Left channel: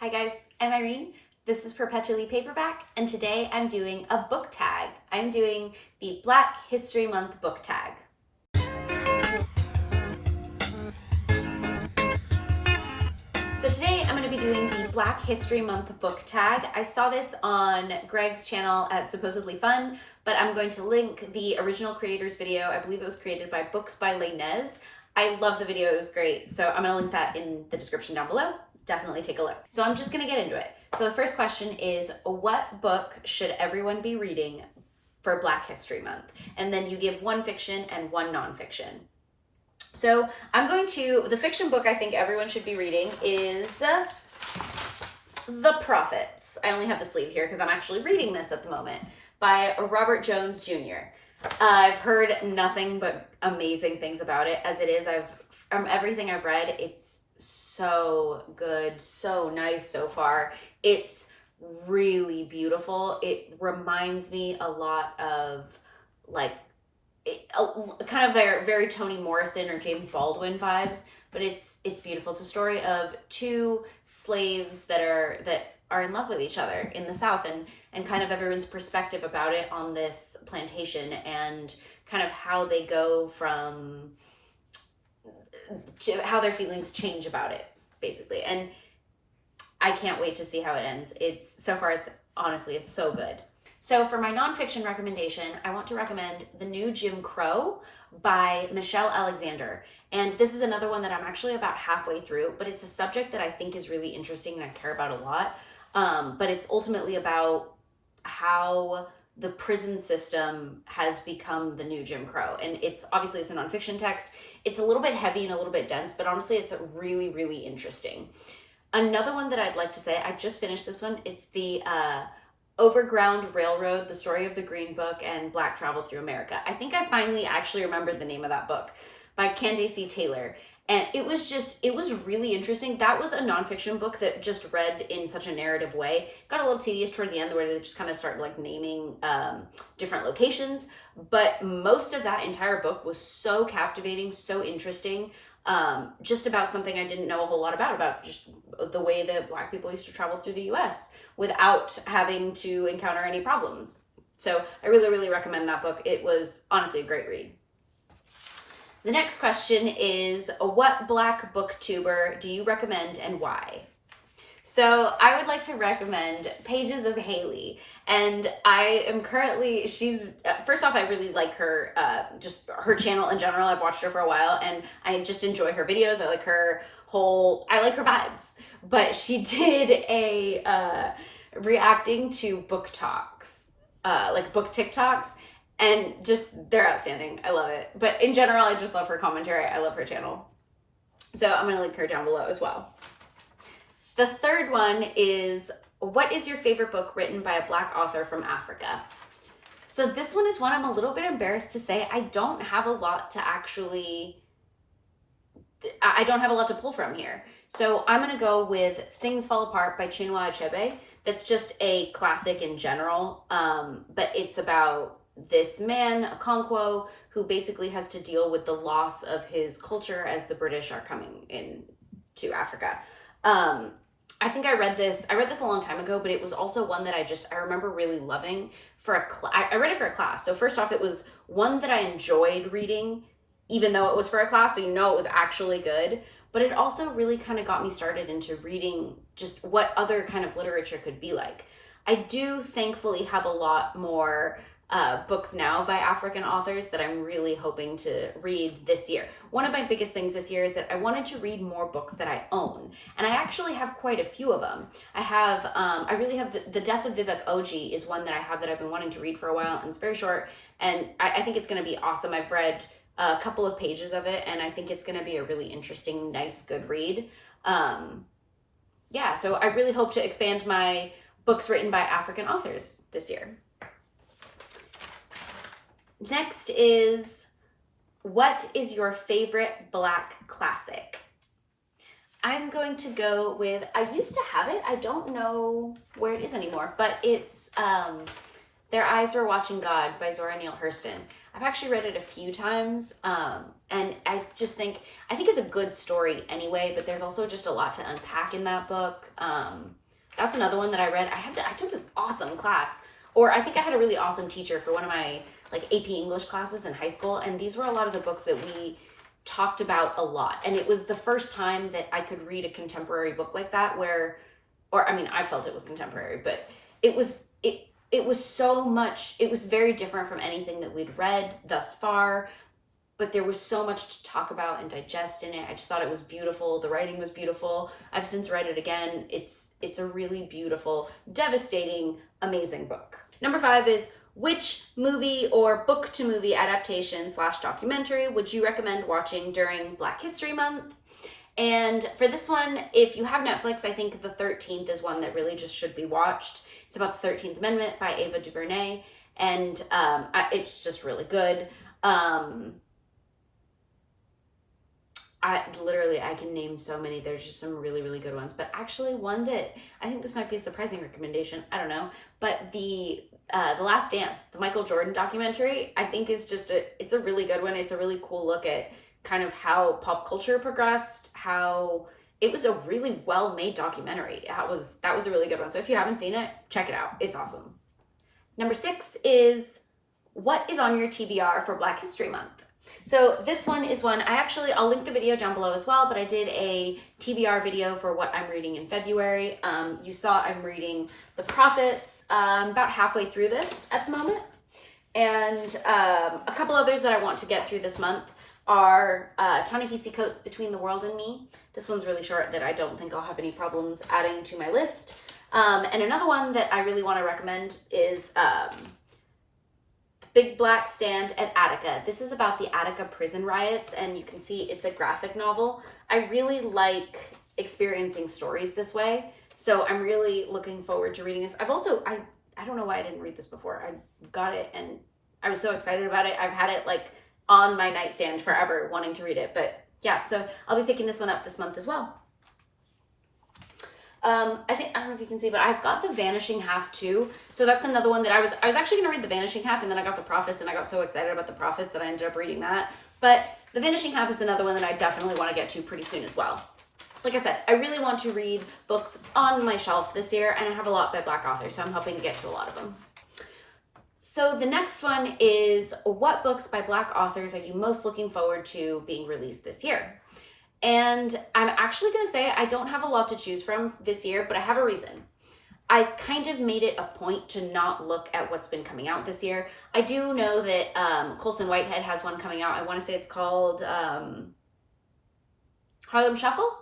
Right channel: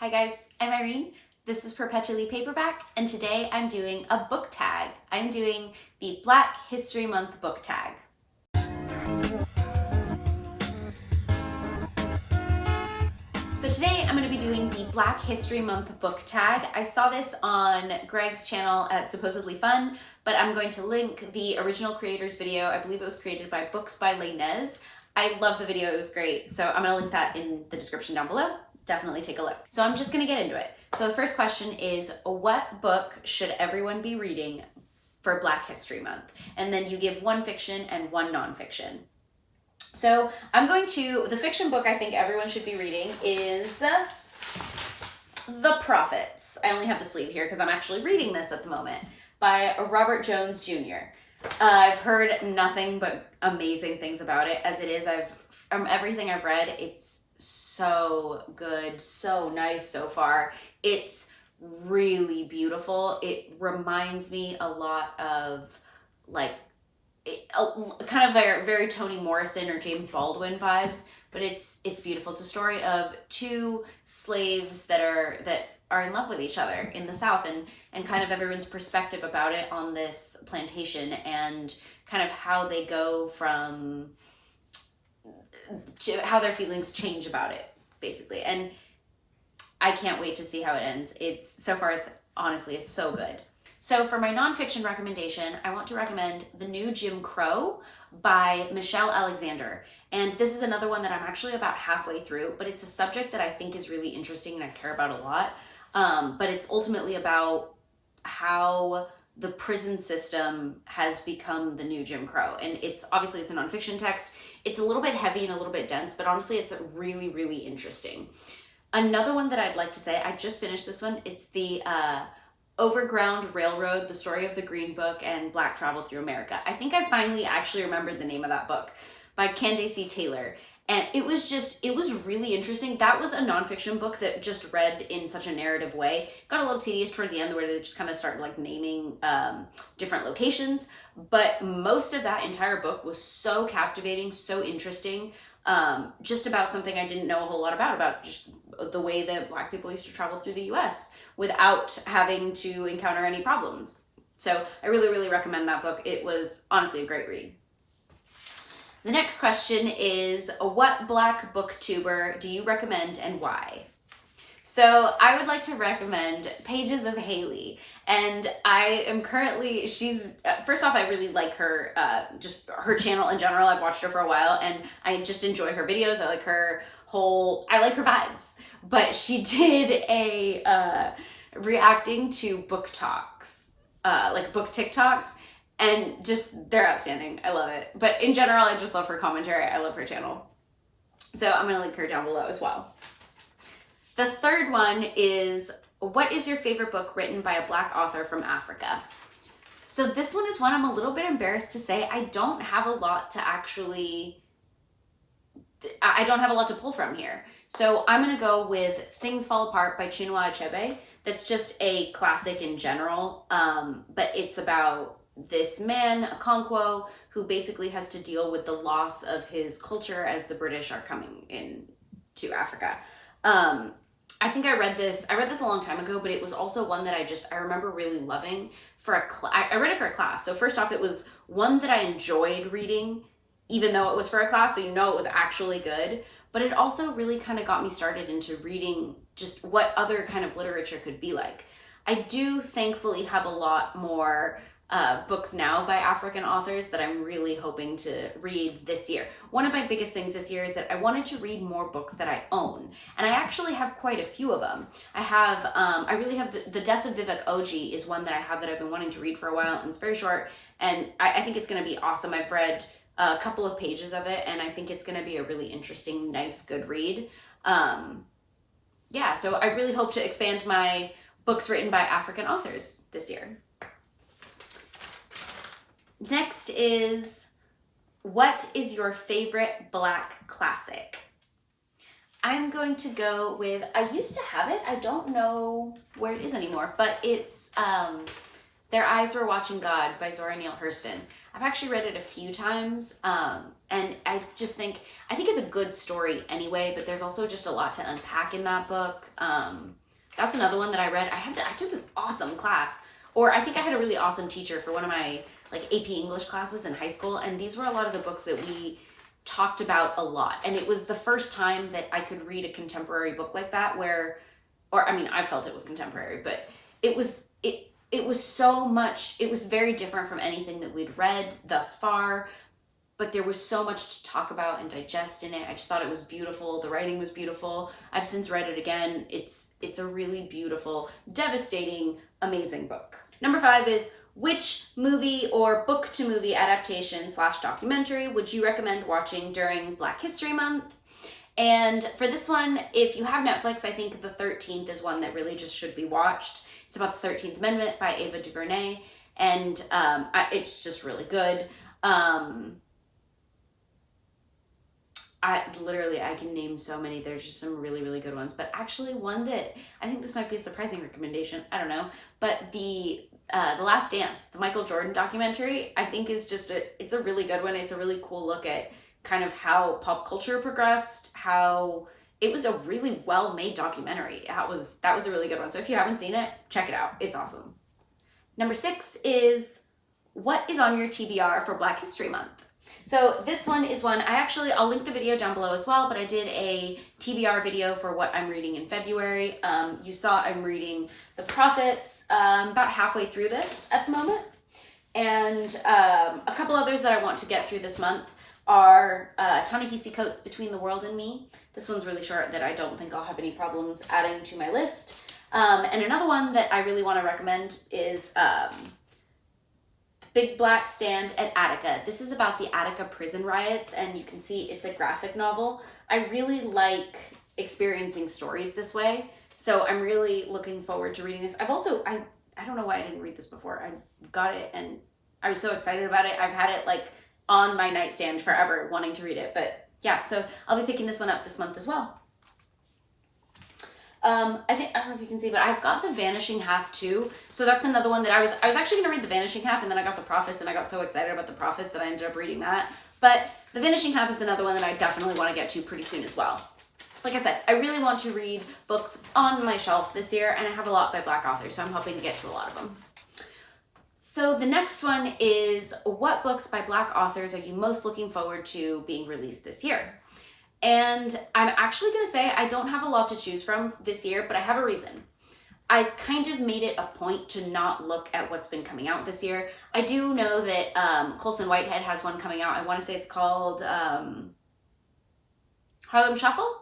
Hi guys, I'm Irene. This is Perpetually Paperback, and today I'm doing a book tag. I'm doing the Black History Month book tag. So today I'm going to be doing the Black History Month book tag. I saw this on Greg's channel at Supposedly Fun, but I'm going to link the original creator's video. I believe it was created by Books by Leynes. I love the video, it was great. So I'm going to link that in the description down below. Definitely take a look. So I'm just gonna get into it. So the first question is, what book should everyone be reading for Black History Month? And then you give one fiction and one nonfiction. So the fiction book I think everyone should be reading is The Prophets. I only have the sleeve here because I'm actually reading this at the moment, by Robert Jones Jr. I've heard nothing but amazing things about it. As it is, from everything I've read, it's so good, so nice so far. It's really beautiful. It reminds me a lot of kind of very Toni Morrison or James Baldwin vibes, but it's beautiful. It's a story of two slaves that are in love with each other in the South, and kind of everyone's perspective about it on this plantation, and kind of how they go from how their feelings change about it, basically. And I can't wait to see how it ends. Honestly, it's so good. So for my nonfiction recommendation, I want to recommend The New Jim Crow by Michelle Alexander. And this is another one that I'm actually about halfway through, but it's a subject that I think is really interesting and I care about a lot. But it's ultimately about how the prison system has become the new Jim Crow. And it's a nonfiction text. It's a little bit heavy and a little bit dense, but honestly, it's really, really interesting. Another one that I'd like to say, I just finished this one. It's the Overground Railroad, The Story of the Green Book and Black Travel Through America. I think I finally actually remembered the name of that book, by Candace C. Taylor. And it was really interesting. That was a nonfiction book that just read in such a narrative way. Got a little tedious toward the end where they just kind of start naming different locations. But most of that entire book was so captivating, so interesting. Just about something I didn't know a whole lot about just the way that Black people used to travel through the US without having to encounter any problems. So I really, really recommend that book. It was honestly a great read. The next question is, what Black booktuber do you recommend and why? So I would like to recommend Pages of Haley. And I am currently, first off, I really like her, just her channel in general. I've watched her for a while and I just enjoy her videos. I like her vibes. But she did a reacting to book talks, book TikToks. And just, they're outstanding. I love it. But in general, I just love her commentary. I love her channel. So I'm going to link her down below as well. The third one is, what is your favorite book written by a Black author from Africa? So this one is one I'm a little bit embarrassed to say. I don't have a lot to pull from here. So I'm going to go with Things Fall Apart by Chinua Achebe. That's just a classic in general. But it's about this man, Okonkwo, who basically has to deal with the loss of his culture as the British are coming into Africa. I think I read this a long time ago, but it was also one that I remember really loving I read it for a class. So first off, it was one that I enjoyed reading, even though it was for a class, so it was actually good. But it also really kind of got me started into reading just what other kind of literature could be like. I do thankfully have a lot more books now by African authors that I'm really hoping to read this year. One of my biggest things this year is that I wanted to read more books that I own, and I actually have quite a few of them. I really have The Death of Vivek Oji is one that I have that I've been wanting to read for a while, and it's very short, and I think it's going to be awesome. I've read a couple of pages of it, and I think it's going to be a really interesting, nice, good read. So I really hope to expand my books written by African authors this year. Next is, what is your favorite Black classic? I'm going to go with, I used to have it, I don't know where it is anymore, but it's Their Eyes Were Watching God by Zora Neale Hurston. I've actually read it a few times, and I think it's a good story anyway, but there's also just a lot to unpack in that book. That's another one that I read. I took this awesome class, or I think I had a really awesome teacher for one of my like AP English classes in high school, and these were a lot of the books that we talked about a lot. And it was the first time that I could read a contemporary book like that I felt it was contemporary, but it was so much, it was very different from anything that we'd read thus far, but there was so much to talk about and digest in it. I just thought it was beautiful. The writing was beautiful. I've since read it again. It's a really beautiful, devastating, amazing book. Number 5 is, which movie or book-to-movie adaptation / documentary would you recommend watching during Black History Month? And for this one, if you have Netflix, I think The 13th is one that really just should be watched. It's about the 13th Amendment by Ava DuVernay, and it's just really good. I can name so many. There's just some really, really good ones. But actually, one that I think this might be a surprising recommendation, I don't know, but the Last Dance, the Michael Jordan documentary, I think is just it's a really good one. It's a really cool look at kind of how pop culture progressed, how it was a really well-made documentary. That was a really good one. So if you haven't seen it, check it out. It's awesome. Number 6 is, what is on your TBR for Black History Month? So this one is one, I'll link the video down below as well, but I did a TBR video for what I'm reading in February. You saw I'm reading The Prophets, about halfway through this at the moment. And a couple others that I want to get through this month are Ta-Nehisi Coates' Between the World and Me. This one's really short that I don't think I'll have any problems adding to my list. And another one that I really want to recommend is Big Black Stand at Attica. This is about the Attica prison riots, and you can see it's a graphic novel. I really like experiencing stories this way, so I'm really looking forward to reading this. I don't know why I didn't read this before. I got it and I was so excited about it. I've had it like on my nightstand forever wanting to read it, but yeah, so I'll be picking this one up this month as well. I don't know if you can see, but I've got The Vanishing Half too. So that's another one that I was actually going to read The Vanishing Half, and then I got The Prophets, and I got so excited about The Prophets that I ended up reading that. But The Vanishing Half is another one that I definitely want to get to pretty soon as well. Like I said, I really want to read books on my shelf this year, and I have a lot by Black authors, so I'm hoping to get to a lot of them. So the next one is, what books by Black authors are you most looking forward to being released this year? And I'm actually going to say I don't have a lot to choose from this year, but I have a reason. I've kind of made it a point to not look at what's been coming out this year. I do know that Colson Whitehead has one coming out. I want to say it's called Harlem Shuffle?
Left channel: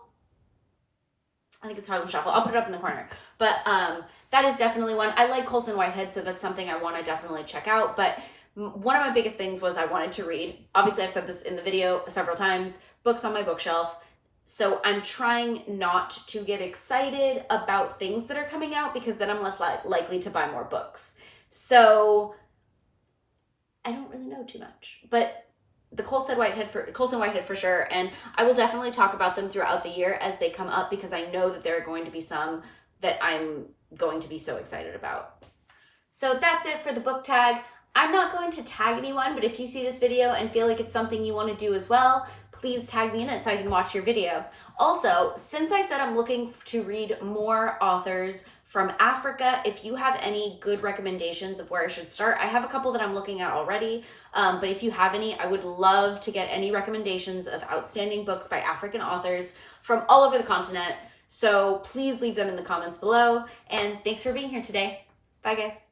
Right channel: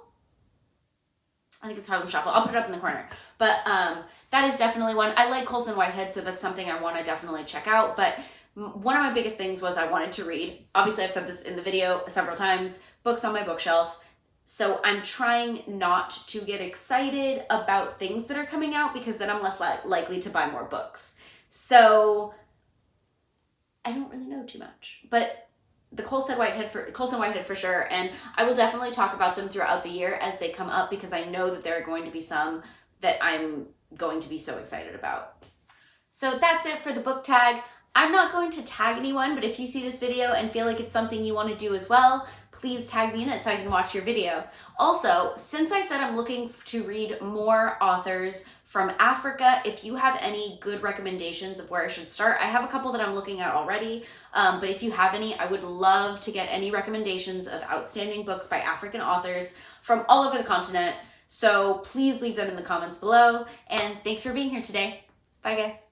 I think it's Harlem Shuffle. I'll put it up in the corner. But that is definitely one. I like Colson Whitehead, so that's something I want to definitely check out. But one of my biggest things was I wanted to read. Obviously, I've said this in the video several times. Books on my bookshelf. So I'm trying not to get excited about things that are coming out, because then I'm less likely to buy more books. So I don't really know too much, but the Colson Whitehead for sure. And I will definitely talk about them throughout the year as they come up, because I know that there are going to be some that I'm going to be so excited about. So that's it for the book tag. I'm not going to tag anyone, but if you see this video and feel like it's something you want to do as well, please tag me in it so I can watch your video. Also, since I said I'm looking to read more authors from Africa, if you have any good recommendations of where I should start, I have a couple that I'm looking at already, but if you have any, I would love to get any recommendations of outstanding books by African authors from all over the continent. So please leave them in the comments below, and thanks for being here today. Bye guys.